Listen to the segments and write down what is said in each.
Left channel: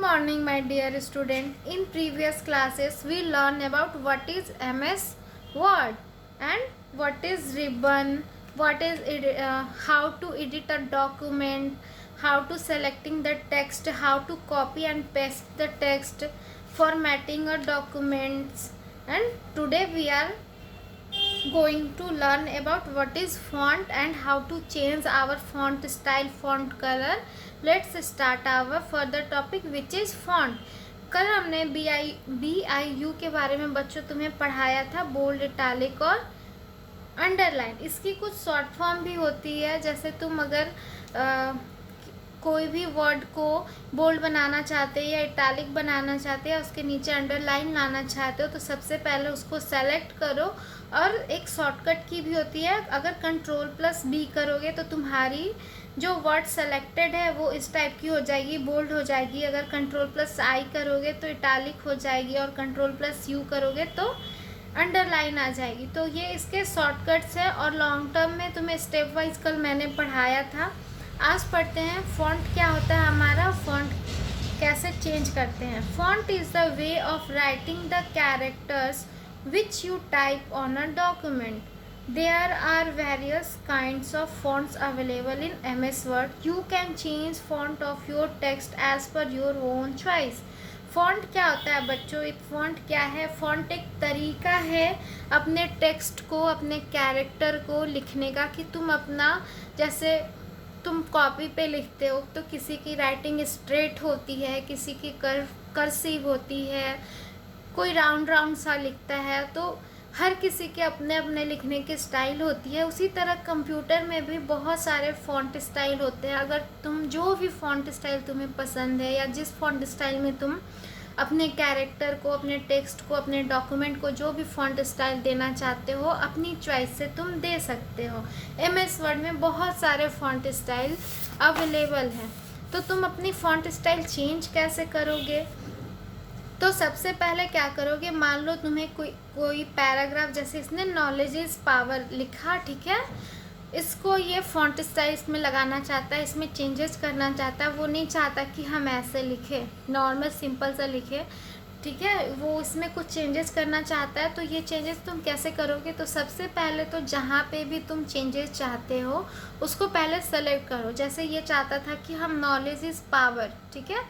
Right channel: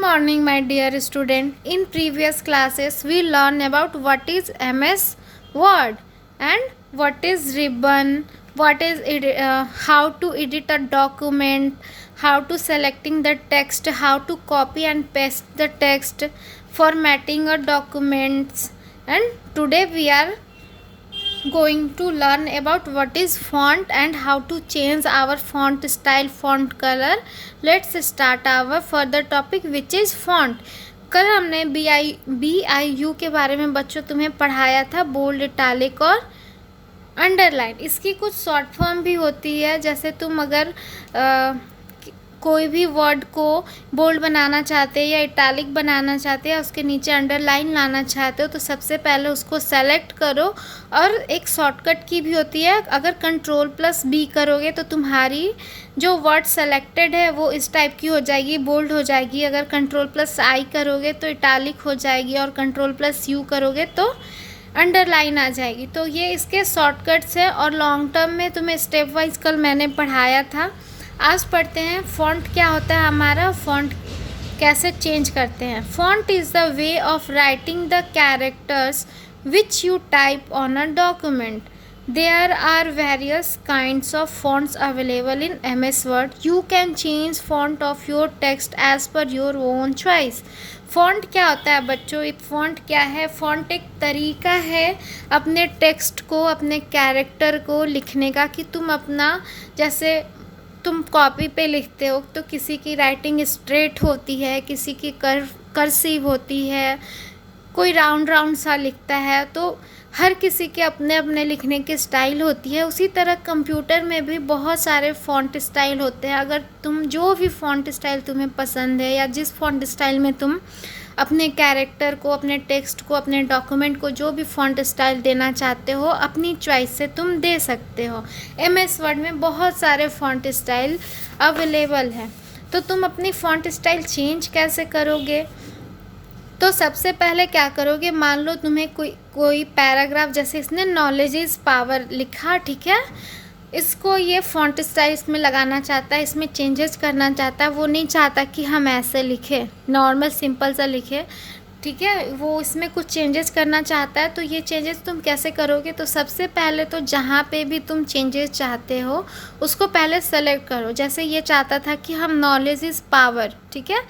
morning, my dear student. In previous classes, we learned about what is MS Word and what is ribbon, how to edit a document, how to selecting the text, how to copy and paste the text, formatting a documents. And today we are going to learn about what is font and how to change our font style, font color. Let's start our further topic which is font. कल हमने BIU के बारे में बच्चों तुम्हें पढ़ाया था, bold, italic और अंडरलाइन. इसकी कुछ शॉर्ट फॉर्म भी होती है. जैसे तुम अगर कोई भी वर्ड को बोल्ड बनाना चाहते हैं या इटैलिक बनाना चाहते हैं, उसके नीचे अंडरलाइन लाना चाहते हो, तो सबसे पहले उसको सेलेक्ट करो. और एक शॉर्टकट की भी होती है. अगर Ctrl+B करोगे तो तुम्हारी जो वर्ड सेलेक्टेड है वो इस टाइप की हो जाएगी, बोल्ड हो जाएगी. अगर Ctrl+I करोगे तो इटैलिक हो जाएगी और Ctrl+U करोगे तो अंडरलाइन आ जाएगी. तो ये इसके शॉर्टकट्स हैं और लॉन्ग टर्म में तुम्हें स्टेप वाइज कल मैंने पढ़ाया था. आज पढ़ते हैं फ़ॉन्ट क्या होता है हमारा, फ़ॉन्ट कैसे चेंज करते हैं. Font is the way of writing the characters which you type on a document. There are various kinds of fonts available in MS Word. You can change font of your text as per your own choice. Font क्या होता है बच्चों? एक font क्या है? Font एक तरीका है अपने टेक्स्ट को, अपने कैरेक्टर को लिखने का. कि तुम अपना, जैसे तुम कॉपी पे लिखते हो तो किसी की राइटिंग स्ट्रेट होती है, किसी की कर्सिव होती है, कोई राउंड राउंड सा लिखता है. तो हर किसी के अपने अपने लिखने की स्टाइल होती है. उसी तरह कंप्यूटर में भी बहुत सारे फ़ॉन्ट स्टाइल होते हैं. अगर तुम जो भी फ़ॉन्ट स्टाइल तुम्हें पसंद है या जिस फ़ॉन्ट स्टाइल में तुम अपने कैरेक्टर को, अपने टेक्स्ट को, अपने डॉक्यूमेंट को जो भी फ़ॉन्ट स्टाइल देना चाहते हो, अपनी चॉइस से तुम दे सकते हो. MS वर्ड में बहुत सारे फ़ॉन्ट स्टाइल अवेलेबल हैं. तो तुम अपनी फ़ॉन्ट स्टाइल चेंज कैसे करोगे? तो सबसे पहले क्या करोगे, मान लो तुम्हें कोई पैराग्राफ, जैसे इसने नॉलेज इज़ पावर लिखा, ठीक है, इसको ये फ़ॉन्ट स्टाइल इसमें लगाना चाहता है, इसमें चेंजेस करना चाहता है. वो नहीं चाहता कि हम ऐसे लिखें, नॉर्मल सिंपल सा लिखें, ठीक है, वो इसमें कुछ चेंजेस करना चाहता है. तो ये चेंजेस तुम कैसे करोगे? तो सबसे पहले तो जहाँ पे भी तुम चेंजेस चाहते हो उसको पहले सेलेक्ट करो. जैसे ये चाहता था कि हम नॉलेज इज़ पावर, ठीक है,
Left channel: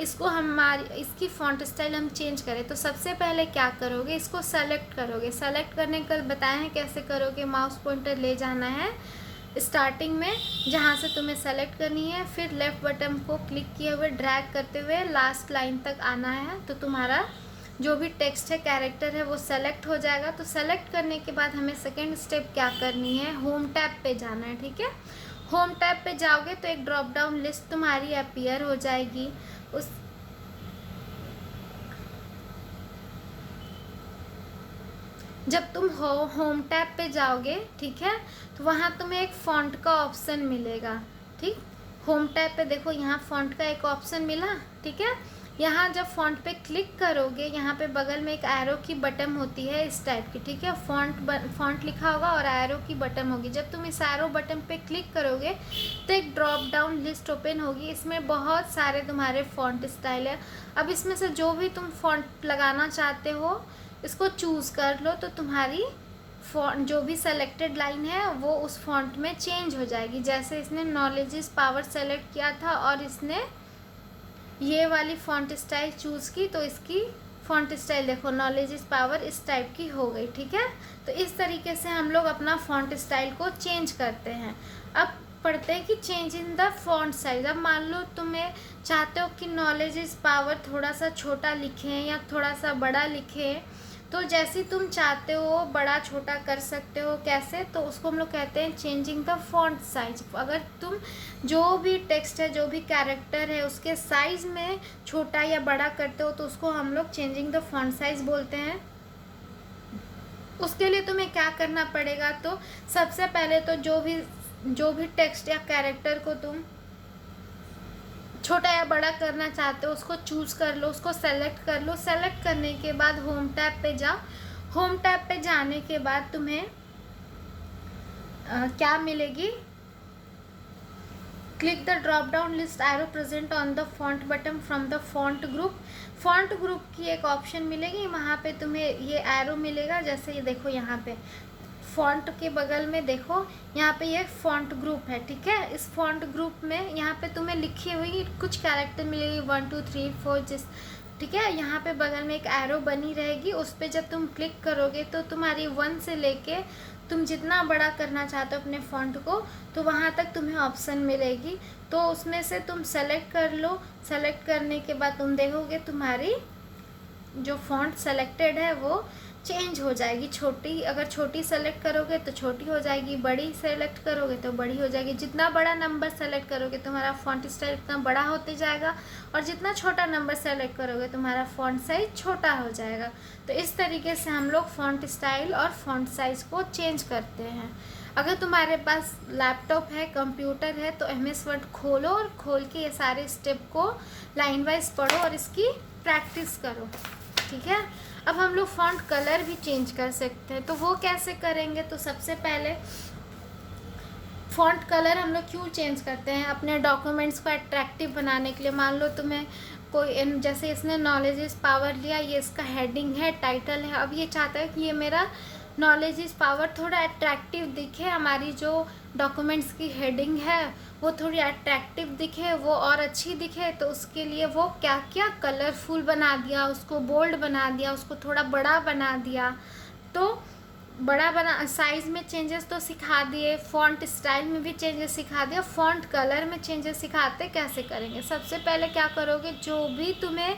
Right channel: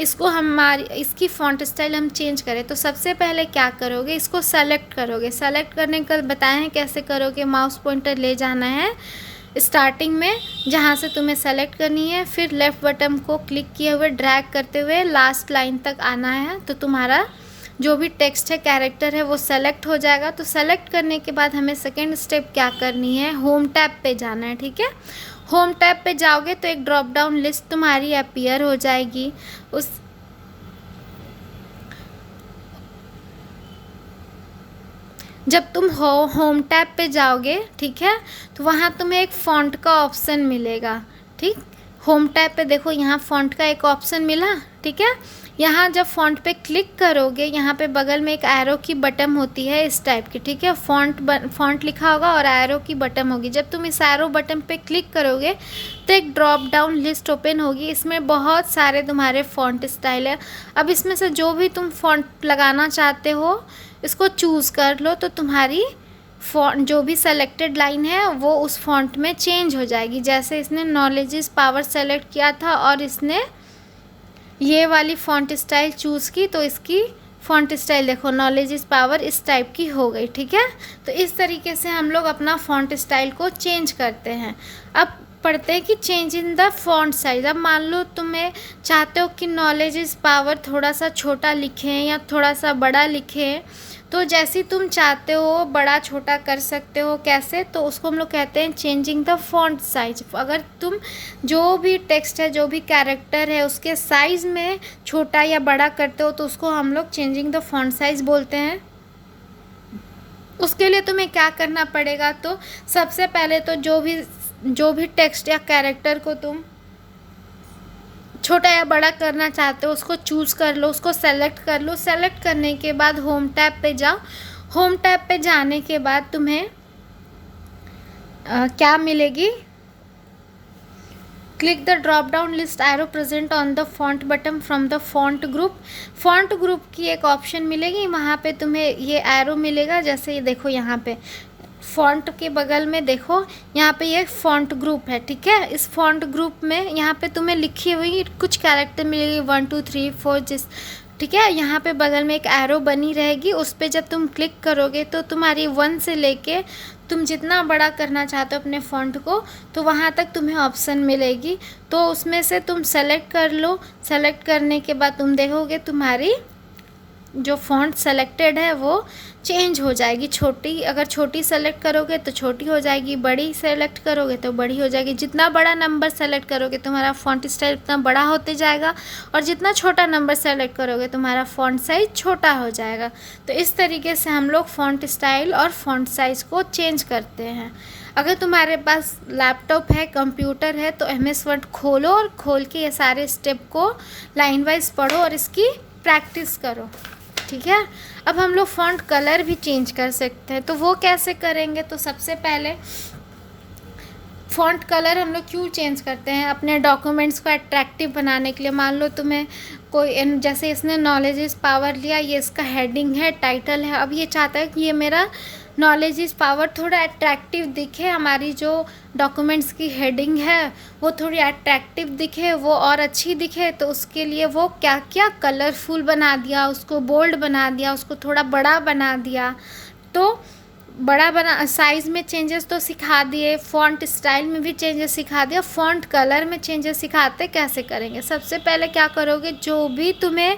इसकी फ़ॉन्ट स्टाइल हम चेंज करें. तो सबसे पहले क्या करोगे, इसको सेलेक्ट करोगे. सेलेक्ट करने का बताए हैं कैसे करोगे. माउस पॉइंटर ले जाना है स्टार्टिंग में जहाँ से तुम्हें सेलेक्ट करनी है, फिर लेफ़्ट बटन को क्लिक किए हुए ड्रैग करते हुए लास्ट लाइन तक आना है. तो तुम्हारा जो भी टेक्स्ट है, कैरेक्टर है, वो सेलेक्ट हो जाएगा. तो सेलेक्ट करने के बाद हमें सेकेंड स्टेप क्या करनी है, होम टैब पे जाना है, ठीक है. होम टैब पे जाओगे तो एक ड्रॉप डाउन लिस्ट तुम्हारी अपीयर हो जाएगी. जब तुम होम टैब पे जाओगे, ठीक है, तो वहाँ तुम्हें एक फ़ॉन्ट का ऑप्शन मिलेगा. ठीक, होम टैब पे देखो, यहाँ फ़ॉन्ट का एक ऑप्शन मिला, ठीक है. यहाँ जब फ़ॉन्ट पे क्लिक करोगे, यहाँ पे बगल में एक एरो की बटन होती है इस टाइप की, ठीक है. फ़ॉन्ट लिखा होगा और एरो की बटन होगी. जब तुम इस एरो बटन पे क्लिक करोगे तो एक ड्रॉप डाउन लिस्ट ओपन होगी. इसमें बहुत सारे तुम्हारे फ़ॉन्ट स्टाइल है. अब इसमें से जो भी तुम फ़ॉन्ट लगाना चाहते हो इसको चूज़ कर लो. तो तुम्हारी फ़ॉन्ट जो भी सेलेक्टेड लाइन है वो उस फ़ॉन्ट में चेंज हो जाएगी. जैसे इसने नॉलेज इज़ पावर सेलेक्ट किया था और इसने ये वाली फ़ॉन्ट स्टाइल चूज़ की, तो इसकी फ़ॉन्ट स्टाइल देखो, नॉलेज इज़ पावर इस टाइप की हो गई, ठीक है. तो इस तरीके से हम लोग अपना फ़ॉन्ट स्टाइल को चेंज करते हैं. अब पढ़ते हैं कि change in the font size. अब मान लो तुम्हें चाहते हो कि नॉलेज इज़ पावर थोड़ा सा छोटा लिखें या थोड़ा सा बड़ा लिखें, तो जैसे तुम चाहते हो बड़ा छोटा कर सकते हो. कैसे? तो उसको हम लोग कहते हैं चेंजिंग द फ़ॉन्ट साइज. अगर तुम जो भी टेक्स्ट है, जो भी कैरेक्टर है, उसके साइज़ में छोटा या बड़ा करते हो तो उसको हम लोग चेंजिंग द फ़ॉन्ट साइज़ बोलते हैं. उसके लिए तुम्हें क्या करना पड़ेगा, तो सबसे पहले तो जो भी टेक्स्ट या कैरेक्टर को तुम छोटा या बड़ा करना चाहते हो उसको चूज़ कर लो, उसको सेलेक्ट कर लो. सेलेक्ट करने के बाद होम टैब पे जाओ. होम टैब पे जाने के बाद तुम्हें क्या मिलेगी, click the drop down list arrow present on the font button from the font group. Font group की एक ऑप्शन मिलेगी, वहाँ पे तुम्हें ये एरो मिलेगा। जैसे ये देखो यहाँ पे फॉन्ट के बगल में देखो, यहाँ पे ये फॉन्ट ग्रुप है, ठीक है। इस फॉन्ट ग्रुप में यहाँ पे तुम्हें लिखी हुई कुछ कैरेक्टर मिलेगी 1 2 3 4 जिस, ठीक है। यहाँ पे बगल में एक एरो बनी रहेगी, उस पर जब तुम क्लिक करोगे तो तुम्हारी 1 से लेके तुम जितना बड़ा करना चाहते हो अपने फ़ॉन्ट को, तो वहाँ तक तुम्हें ऑप्शन मिलेगी। तो उसमें से तुम सेलेक्ट कर लो। सेलेक्ट करने के बाद तुम देखोगे तुम्हारी जो फ़ॉन्ट सेलेक्टेड है वो चेंज हो जाएगी। छोटी, अगर छोटी सेलेक्ट करोगे तो छोटी हो जाएगी, बड़ी सेलेक्ट करोगे तो बड़ी हो जाएगी। जितना बड़ा नंबर सेलेक्ट करोगे तुम्हारा फ़ॉन्ट स्टाइल उतना बड़ा होते जाएगा, और जितना छोटा नंबर सेलेक्ट करोगे तुम्हारा फ़ॉन्ट साइज़ छोटा हो जाएगा। तो इस तरीके से हम लोग फ़ॉन्ट स्टाइल और फ़ॉन्ट साइज़ को चेंज करते हैं। अगर तुम्हारे पास लैपटॉप है, कंप्यूटर है, तो MS वर्ड खोलो और खोल के ये सारे स्टेप को लाइन वाइज पढ़ो और इसकी प्रैक्टिस करो, ठीक है। अब हम लोग फ़ॉन्ट कलर भी चेंज कर सकते हैं, तो वो कैसे करेंगे? तो सबसे पहले फ़ॉन्ट कलर हम लोग क्यों चेंज करते हैं? अपने डॉक्यूमेंट्स को अट्रैक्टिव बनाने के लिए। मान लो तुम्हें कोई, जैसे इसने नॉलेज इज़ पावर लिया, ये इसका हेडिंग है, टाइटल है। अब ये चाहता है कि ये मेरा नॉलेज इज़ पावर थोड़ा अट्रैक्टिव दिखे, हमारी जो डॉक्यूमेंट्स की हेडिंग है वो थोड़ी अट्रैक्टिव दिखे, वो और अच्छी दिखे। तो उसके लिए वो क्या क्या कलरफुल बना दिया, उसको बोल्ड बना दिया, उसको थोड़ा बड़ा बना दिया। तो बड़ा बना, साइज़ में चेंजेस तो सिखा दिए, फ़ॉन्ट स्टाइल में भी चेंजेस सिखा दिया, फ़ॉन्ट कलर में चेंजेस सिखाते कैसे करेंगे। सबसे पहले क्या करोगे, जो भी तुम्हें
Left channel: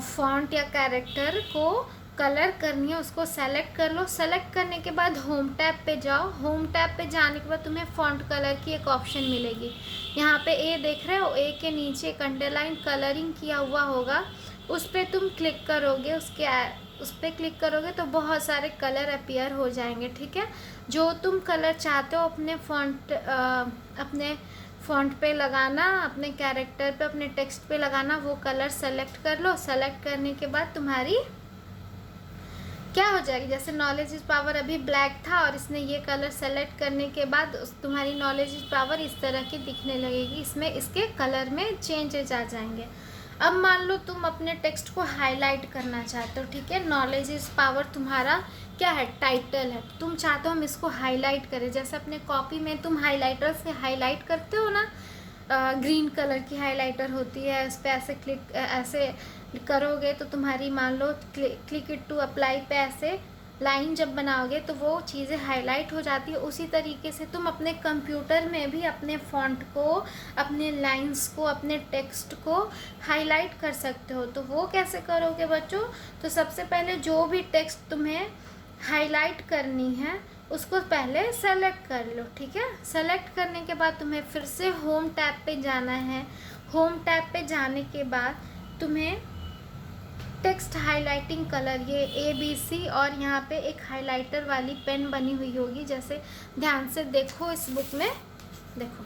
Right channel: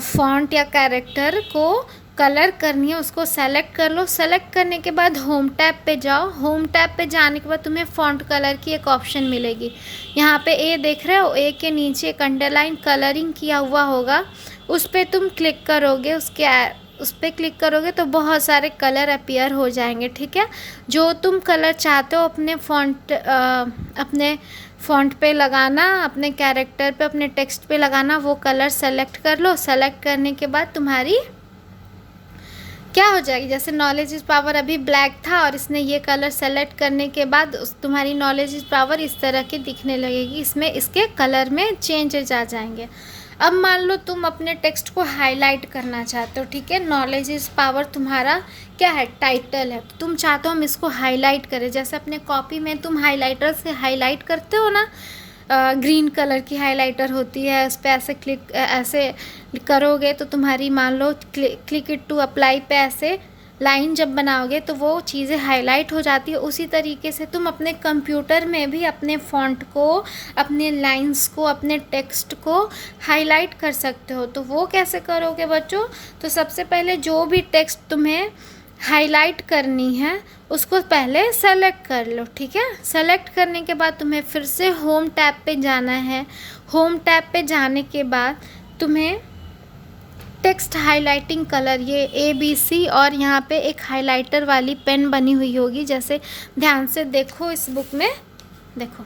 फ़ॉन्ट या कैरेक्टर को कलर करनी है उसको सेलेक्ट कर लो। सेलेक्ट करने के बाद होम टैब पे जाओ। होम टैब पे जाने के बाद तुम्हें फ़ॉन्ट कलर की एक ऑप्शन मिलेगी। यहाँ पे ए देख रहे हो, ए के नीचे एक अंडरलाइन कलरिंग किया हुआ होगा, उस पर तुम क्लिक करोगे। उस पर क्लिक करोगे तो बहुत सारे कलर अपीयर हो जाएंगे, ठीक है। जो तुम कलर चाहते हो अपने फ़ॉन्ट पे लगाना, अपने कैरेक्टर पे, अपने टेक्स्ट पे लगाना, वो कलर सेलेक्ट कर लो। सेलेक्ट करने के बाद तुम्हारी क्या हो जाएगी, जैसे नॉलेज इज़ पावर अभी ब्लैक था और इसने ये कलर सेलेक्ट करने के बाद तुम्हारी नॉलेज इज़ पावर इस तरह की दिखने लगेगी। इसमें इसके कलर में चेंजेस आ जाएंगे। अब मान लो तुम अपने टेक्स्ट को हाईलाइट करना चाहते हो, ठीक है। नॉलेज इज़ पावर तुम्हारा क्या है, टाइटल है। तुम चाहते हो हम इसको हाईलाइट करें, जैसे अपने कॉपी में तुम हाईलाइटर से हाईलाइट करते हो ना, ग्रीन कलर की हाइलाइटर होती है, उस पर ऐसे करोगे तो तुम्हारी, मान लो क्लिक इट टू अप्लाई पे ऐसे लाइन जब बनाओगे तो वो चीज़ें हाईलाइट हो जाती है। उसी तरीके से तुम अपने कंप्यूटर में भी अपने फ़ॉन्ट को, अपने लाइंस को, अपने टेक्स्ट को हाईलाइट कर सकते हो। तो वो कैसे करोगे बच्चों? तो सबसे पहले जो भी टेक्स्ट तुम्हें हाईलाइट करनी है उसको पहले सेलेक्ट कर लो, ठीक है। सेलेक्ट करने के बाद तुम्हें फिर से होम टैब पे जाना है। होम टैब पे जाने के बाद तुम्हें टेक्स्ट हाइलाइटिंग कलर, ये ABC, और यहाँ पे एक हाइलाइटर वाली पेन बनी हुई होगी, जैसे ध्यान से देखो इस बुक में, देखो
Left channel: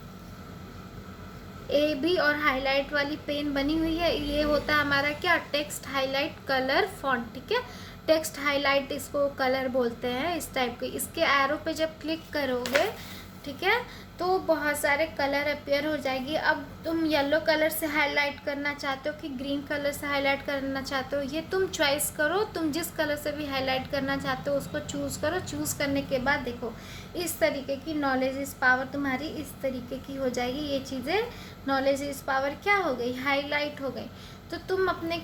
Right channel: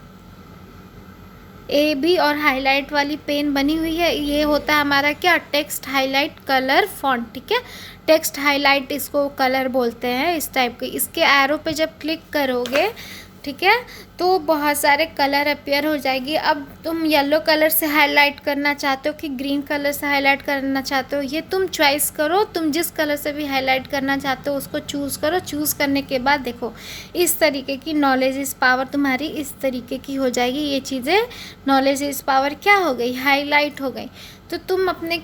AB और हाईलाइट वाली पेन बनी हुई है। ये होता है हमारा क्या, टेक्स्ट हाईलाइट कलर फ़ॉन्ट, ठीक है। टेक्स्ट हाईलाइट इसको कलर बोलते हैं, इस टाइप के। इसके एरो पे जब क्लिक करोगे, ठीक है, तो बहुत सारे कलर अपीयर हो जाएगी। अब तुम येलो कलर से हाईलाइट करना चाहते हो कि ग्रीन कलर से हाईलाइट करना चाहते हो, ये तुम चॉइस करो। तुम जिस कलर से भी हाईलाइट करना चाहते हो उसको चूज़ करो। चूज़ करने के बाद देखो इस तरीके की नॉलेज इज़ पावर तुम्हारी इस तरीके की हो जाएगी। ये चीज़ें नॉलेज इज़ पावर क्या हो गई, हाईलाइट हो गई। तो तुम अपने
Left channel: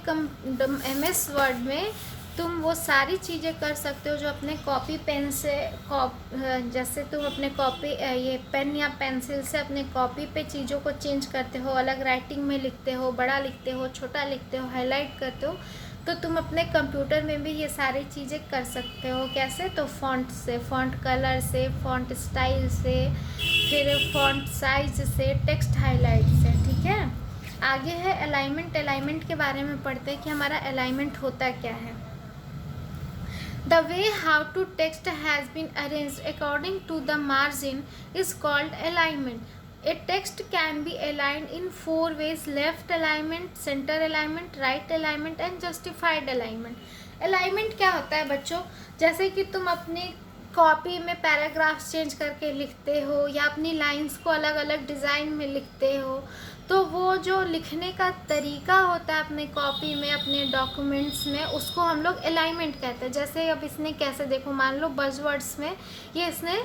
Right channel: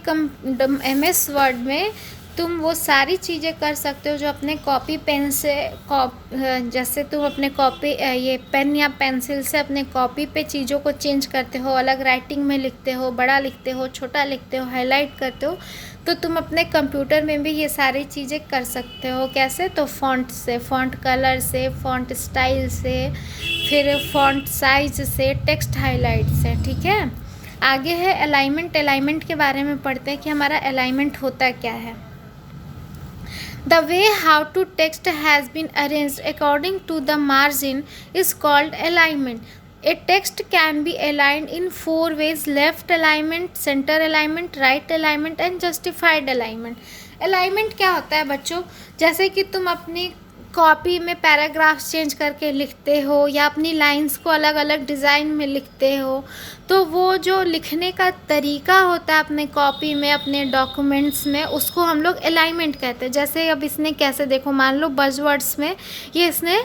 MS वर्ड में तुम वो सारी चीज़ें कर सकते हो जो अपने कॉपी पेन से, जैसे तुम अपने कॉपी ये पेन या पेंसिल से अपने कॉपी पे चीज़ों को चेंज करते हो, अलग राइटिंग में लिखते हो, बड़ा लिखते हो, छोटा लिखते हो, हाईलाइट करते हो, तो तुम अपने कंप्यूटर में भी ये सारी चीज़ें कर सकते हो। कैसे? तो फ़ॉन्ट से, फ़ॉन्ट कलर से, फ़ॉन्ट स्टाइल से, फिर फ़ॉन्ट साइज से, टेक्स्ट हाईलाइट से, ठीक है। आगे है अलाइनमेंट। अलाइनमेंट के बारे में पढ़ते हैं कि हमारा अलाइनमेंट होता क्या है। The way how to text has been arranged according to the margin is called alignment. A text can be aligned in 4 ways: left alignment, center alignment, right alignment and justified alignment. Alignment क्या होता है बच्चों? जैसे कि तुम अपनी copy में paragraphs change करके लिखते हो या अपनी लाइंस को अलग अलग डिज़ाइन में लिखते हो, तो वो जो लिखने का तरीका होता है अपने कॉपी में, अपने डॉक्यूमेंट्स में, उसको हम लोग अलाइनमेंट कहते हैं। जैसे अब इसने कैसे, देखो मान लो बज़वर्ड्स में ये इसने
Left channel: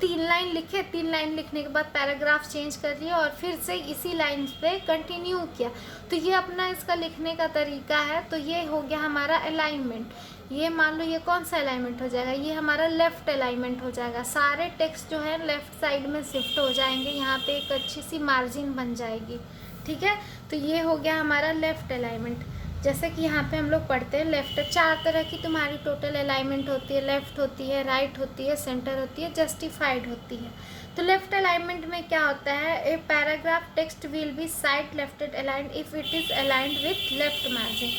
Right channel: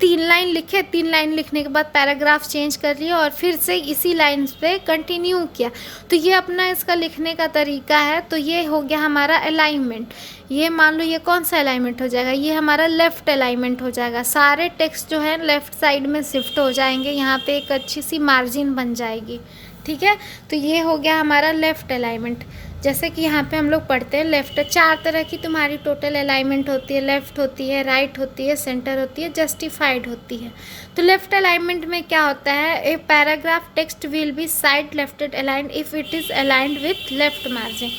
3 लाइन लिखे, 3 लाइन लिखने के बाद पैराग्राफ चेंज कर लिया और फिर से इसी लाइन पे कंटिन्यू किया, तो ये अपना इसका लिखने का तरीका है। तो ये हो गया हमारा अलाइनमेंट। ये मान लो ये कौन सा अलाइनमेंट हो जाएगा, ये हमारा लेफ़्ट अलाइनमेंट हो जाएगा। सारे टेक्स्ट जो है लेफ़्ट साइड में शिफ्ट हो जाएंगे, यहाँ पे एक अच्छी सी मार्जिन बन जाएगी, ठीक है। तो ये हो गया हमारा लेफ़्ट अलाइनमेंट। जैसे कि यहाँ पे हम लोग पढ़ते हैं लेफ़्ट, 4 तरह की तुम्हारी टोटल अलाइनमेंट होती है, लेफ़्ट होती है, राइट होती है, सेंटर होती है, जस्टिफाइड होती है। तो लेफ़्ट अलाइनमेंट में क्या होता है, a paragraph text will be side lefted aligned if it is aligned with left margin.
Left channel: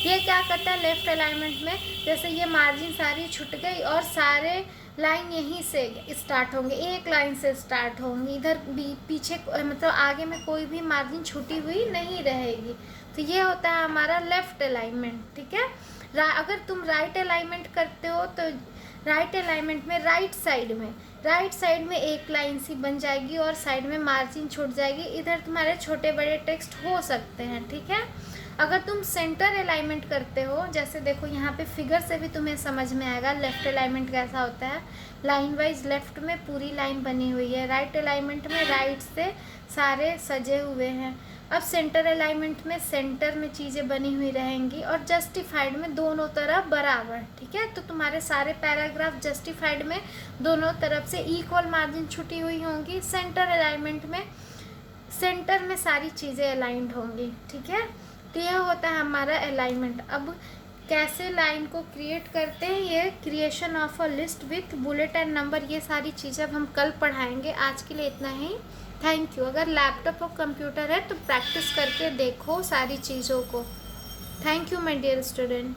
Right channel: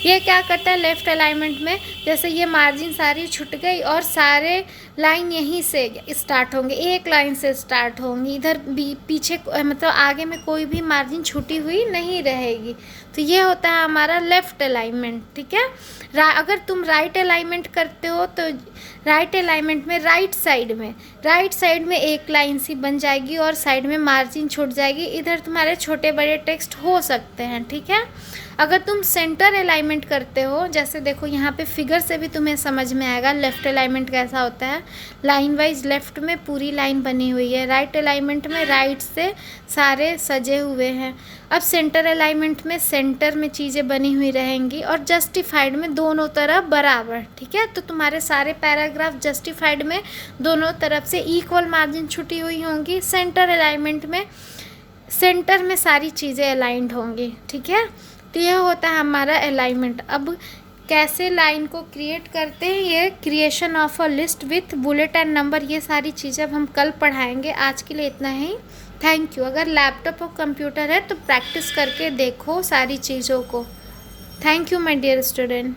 ये क्या करता है लेफ़्ट अलाइनमेंट में, जैसे ये मार्जिन सारी छूट गई और सारे लाइन यहीं से स्टार्ट होंगे, एक लाइन से स्टार्ट होंगी, इधर पीछे मतलब आगे में कोई भी मार्जिन छूटी हुई नहीं रहेगी। तो ये होता है हमारा लेफ़्ट अलाइनमेंट, ठीक है। अगर तुम राइट अलाइनमेंट करते हो तो राइट अलाइनमेंट में राइट साइड में एक लाइन सी बन जाएगी और साइड में मार्जिन छूट जाएगी, इधर तुम्हारे छोटे बड़े टेक्स्ट हो सकते हैं, ठीक है। अगर तुम सेंटर अलाइनमेंट करते हो, जैसे देखो यहाँ पे फिगर से भी तुम्हें समझ में आएगा लेफ़्ट अलाइनमेंट कैसा होता है। लाइन वाइज लेफ़्ट में पूरी लाइन बनी हुई है, राइट अलाइनमेंट में राइट से सारे सजे हुए हैं। अब सेंटर अलाइनमेंट में सेंटर में चीज़ें बनी हुई रहेंगी और जस्टिफाइड में दोनों तरफ बराबर, ठीक है। तो तुम्हारे सारे पैराग्राफ जस्टिफाइड में दोनों तरफ से इक्वल मार्जिन छुटी हुई होंगी। सेंटर अलाइनमेंट में सेंटर में सारी चीज़ें अलाइंड होंगी, ठीक है। तो यह होता है हमारा अलाइनमेंट। अब कैसे लाइन को क्रिएट करते हैं, ये creation of a list with bullet and number, ये सारी चीज़ें अब हम कल पढ़ाएंगे। आज के लिए इतना ही, थैंक यू। अगर लैपटॉप और कंप्यूटर है तो प्रैक्टिस करके देखो सारी चीज़ों को। Thank you my dear student.